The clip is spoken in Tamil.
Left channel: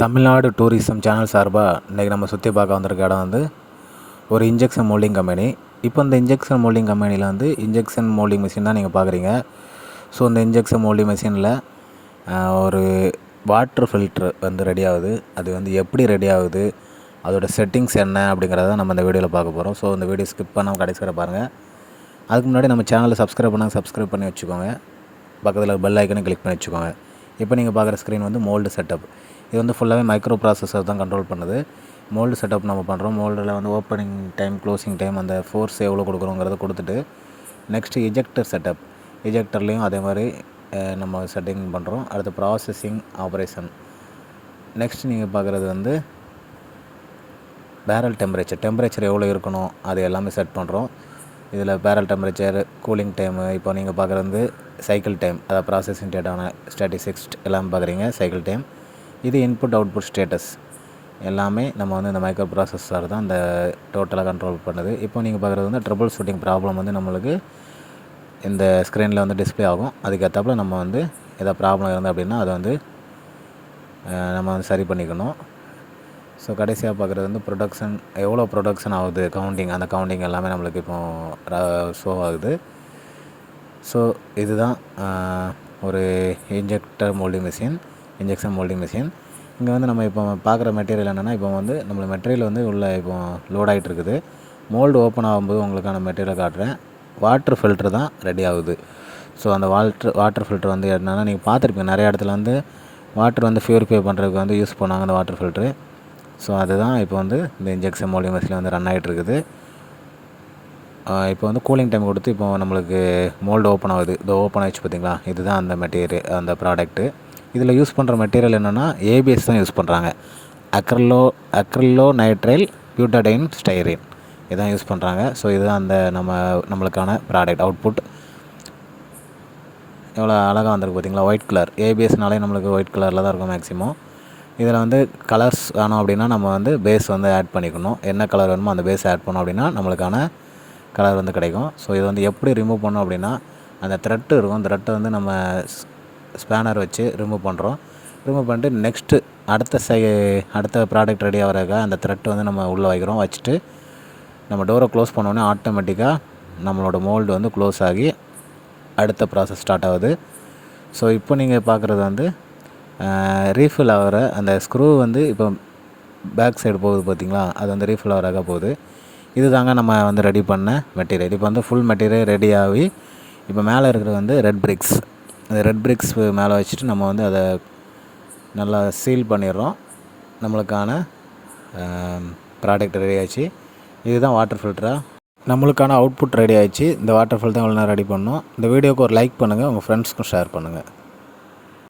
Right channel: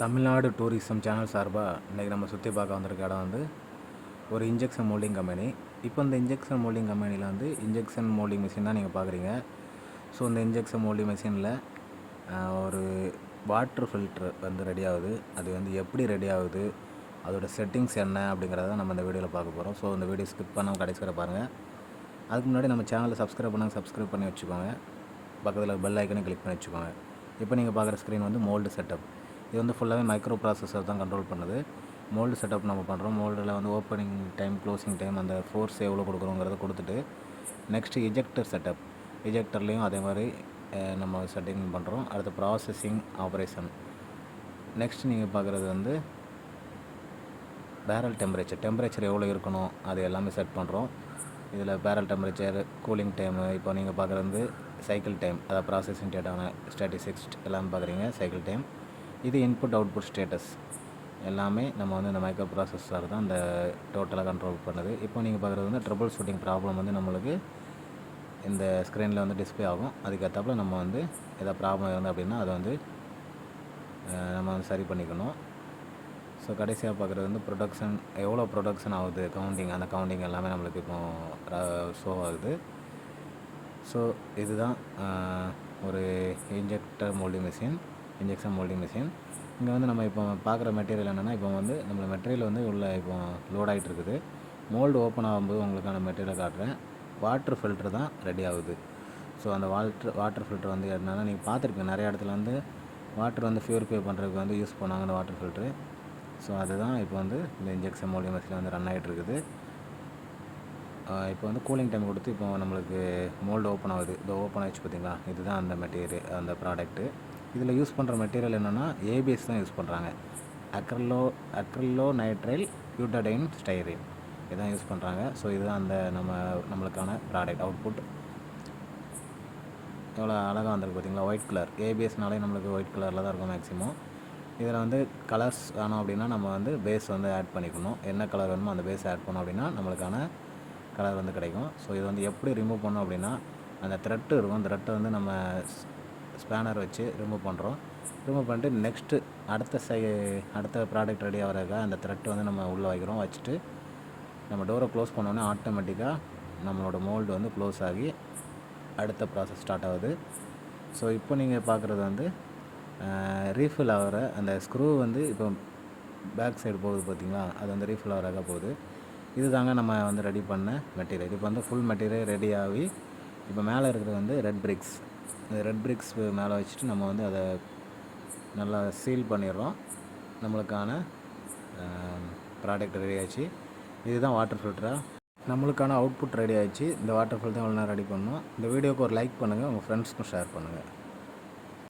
தமிழ்நாடு டூரிசம் சேனல் சார்பாக இன்றைக்கி நம்ம சுற்றி பார்க்க வந்திருக்க இடம் வந்து ஒரு இன்ஜெக்ஷன் மோல்டிங் கம்பெனி. இப்போ இந்த இன்ஜெக்ஷன் மோல்டிங் கம்பெனியில் வந்து இன்ஜெக்ஷன் மோல்டிங் மிஷின் தான் நீங்கள் பார்க்குறீங்க. ஸோ இந்த இன்ஜெக்ஷன் மோல்டிங் மிஷினில் ஒரு வாட்டர் ஃபில்ட்ரு வந்து ரெடி ஆகுது. அது வந்து எப்படி ரெடி ஆகுது, அதோடய செட்டிங்ஸ் என்ன அப்படிங்கிறத நம்ம இந்த வீடியோவில் பார்க்க போகிறோம். ஸோ இந்த வீடியோ ஸ்கிப் பண்ணாமல் கடைசி வரை பாருங்கள். அதுக்கு முன்னாடி நம்ம சேனலை சப்ஸ்கிரைப் பண்ணி வச்சுக்கோங்க. பக்கத்தில் பெல் ஐக்கனை கிளிக் பண்ணி வச்சுக்கோங்க. இப்போ நீங்கள் பார்க்குற ஸ்க்ரீன் வந்து மோல்டு செட்டப். இது வந்து ஃபுல்லாகவே மைக்ரோ ப்ராசஸர் தான் கண்ட்ரோல் பண்ணுது. மோல்டு செட்டப் நம்ம பண்ணுறோம். மோல்டில் வந்து ஓப்பனிங் டைம், க்ளோசிங் டைம், அந்த ஃபோர்ஸ் எவ்வளோ கொடுக்குறோங்கிறத கொடுத்துட்டு நெக்ஸ்ட்டு இஜெக்டர் செட்டப். இஜெக்டர்லேயும் அதே மாதிரி நம்ம செட்டிங் பண்ணுறோம். அடுத்து ப்ராசஸிங் ஆப்ரேஷன். நெக்ஸ்ட் நீங்கள் பார்க்குறது வந்து பேரல் டெம்பரேச்சர் எவ்வளோ இருக்கணும் அது எல்லாமே செட் பண்ணுறோம். இதில் பேரல் டெம்பரேச்சர், கூலிங் டைமு, இப்போ நீங்கள் பார்க்குறது வந்து சைக்கிள் டைம், அதாவது ப்ராசஸிங் டேட்டான ஸ்டாட்டிஸ்டிக்ஸ் எல்லாமே பார்க்குறீங்க. சைக்கிள் டைம், இது இன்புட் அவுட்புட் ஸ்டேட்டஸ் எல்லாமே நம்ம வந்து இந்த மைக்ரோ ப்ராசஸர் தான் இந்த டோட்டலாக கண்ட்ரோல் பண்ணுது. இப்போ நீங்கள் பார்க்குறது வந்து ட்ரபிள் ஷூட்டிங் ப்ராப்ளம் வந்து நம்மளுக்கு இந்த ஸ்க்ரீனில் வந்து டிஸ்பிளே ஆகும். அதுக்கேற்றாப்புல நம்ம வந்து எதாவது ப்ராப்ளம் இருந்தது அப்படின்னா அதை வந்து நம்ம வந்து சரி பண்ணிக்கணும். ஸோ கடைசியாக பார்க்குறது வந்து ப்ரொடக்ஷன், எவ்வளோ ப்ரொடக்ஷன் ஆகுது, கவுண்டிங், அந்த கவுண்டிங் எல்லாமே நம்மளுக்கு இப்போ ஷோ ஆகுது. ஸோ இதுதான் ஒரு இன்ஜெக்ஷன் மோல்டிங் மிஷின். இங்கே வந்து நம்ம இப்போ பார்க்குற மெட்டீரியல் என்னென்னா, இப்போ வந்து நம்மளுக்கு மெட்டீரியல் வந்து உள்ளே இப்போ லோட் ஆகிட்டு இருக்குது. மோல்டு ஓப்பன் ஆகும்போது உங்களுக்கான மெட்டீரியல் காட்டுறேன். வாட்டர் ஃபில்ட்ரு தான் ரெடி ஆகுது. ஸோ அந்த வாட்டர் ஃபில்ட்ரு வந்து என்னென்னா, நீங்கள் பார்த்துருப்பீங்க நிறைய இடத்துல வந்து வாட்டர் வந்து ப்யூரிஃபை பண்ணுறதுக்கு வந்து யூஸ் பண்ணாங்க அந்த வாட்டர் ஃபில்ட்ரு. ஸோ அதுதான் இப்போ வந்து இந்த இன்ஜெக்ஷன் மோல்டிங் மிஷினில் வந்து ரன் ஆகிட்டு இருக்குது. இப்போ வந்து கூலிங் டைம் கொடுத்து இப்போ நம்மளுக்கு மோல்டு ஓப்பன் ஆகுது. இது ஓப்பன் ஆகிடுச்சு பார்த்தீங்களா, இதுதான் அந்த மெட்டீரியல், அந்த ப்ராடக்ட்டு. இதில் யூஸ் பண்ணுற மெட்டீரியல் என்னென்னா ஏபிஎஸ் தான் யூஸ் பண்ணுறாங்க. அக்ரிலோ நைட்ரைல் பியூட்டடைன் ஸ்டைரீன் இதான் யூஸ் பண்ணுறாங்க. ஸோ இதுதான் அந்த நம்மளுக்கான ப்ராடக்ட் அவுட்புட். எவ்வளோ அழகாக வந்திருக்கு பார்த்தீங்களா, ஒயிட் கலர். ஏபிஎஸ்னாலே நம்மளுக்கு ஒயிட் கலரில் தான் இருக்கும் மேக்ஸிமம். இதில் வந்து கலர்ஸ் வேணும் அப்படின்னா நம்ம வந்து பேஸ் வந்து ஆட் பண்ணிக்கணும். என்ன கலர் வேணுமோ அந்த பேஸ் ஆட் பண்ணோம் அப்படின்னா நம்மளுக்கான கலர் வந்து கிடைக்கும். ஸோ இது வந்து எப்படி ரிமூவ் பண்ணோம் அப்படின்னா, அந்த த்ரெட்டு இருக்கும், த்ரெட்டை வந்து நம்ம ஸ்பேனர் வச்சு ரிமூவ் பண்ணிட்டு நெக்ஸ்ட்டு அடுத்த ப்ராடக்ட் ரெடி ஆகிறதுக்காக அந்த த்ரெட் வந்து நம்ம உள்ளே வைக்கிறோம். வச்சுட்டு நம்ம டோரை க்ளோஸ் பண்ணோன்னே ஆட்டோமேட்டிக்காக நம்மளோட மோல்டு வந்து க்ளோஸ் ஆகி அடுத்த ப்ராசஸ் ஸ்டார்ட் ஆகுது. ஸோ இப்போ நீங்கள் பார்க்குறது வந்து ரீஃபில் ஆகிற அந்த ஸ்க்ரூ வந்து இப்போ பேக் சைடு போகுது பார்த்தீங்களா, அது வந்து ரீஃபில் ஆகிறக்காக போகுது. இது தாங்க நம்ம வந்து ரெடி பண்ண மெட்டீரியல். இப்போ வந்து ஃபுல் மெட்டீரியல் ரெடி ஆகி இப்போ மேலே இருக்கிறது வந்து ரெட் பிரிக்ஸ். அந்த ரெட் பிரிக்ஸ் மேலே வச்சுட்டு நம்ம வந்து அதை நல்லா சீல் பண்ணிடுறோம். நம்மளுக்கான ப்ராடக்ட் ரெடி ஆகிடுச்சு. இதுதான் வாட்டர் ஃபில்டராக நம்மளுக்கான அவுட்புட் ரெடி ஆகிடுச்சு. இந்த வாட்டர் ஃபில்டர் தான் எவ்வளோ நேரம் ரெடி பண்ணோம். இந்த வீடியோவுக்கு ஒரு லைக் பண்ணுங்கள், உங்கள் ஃப்ரெண்ட்ஸ்க்கும் ஷேர் பண்ணுங்கள்.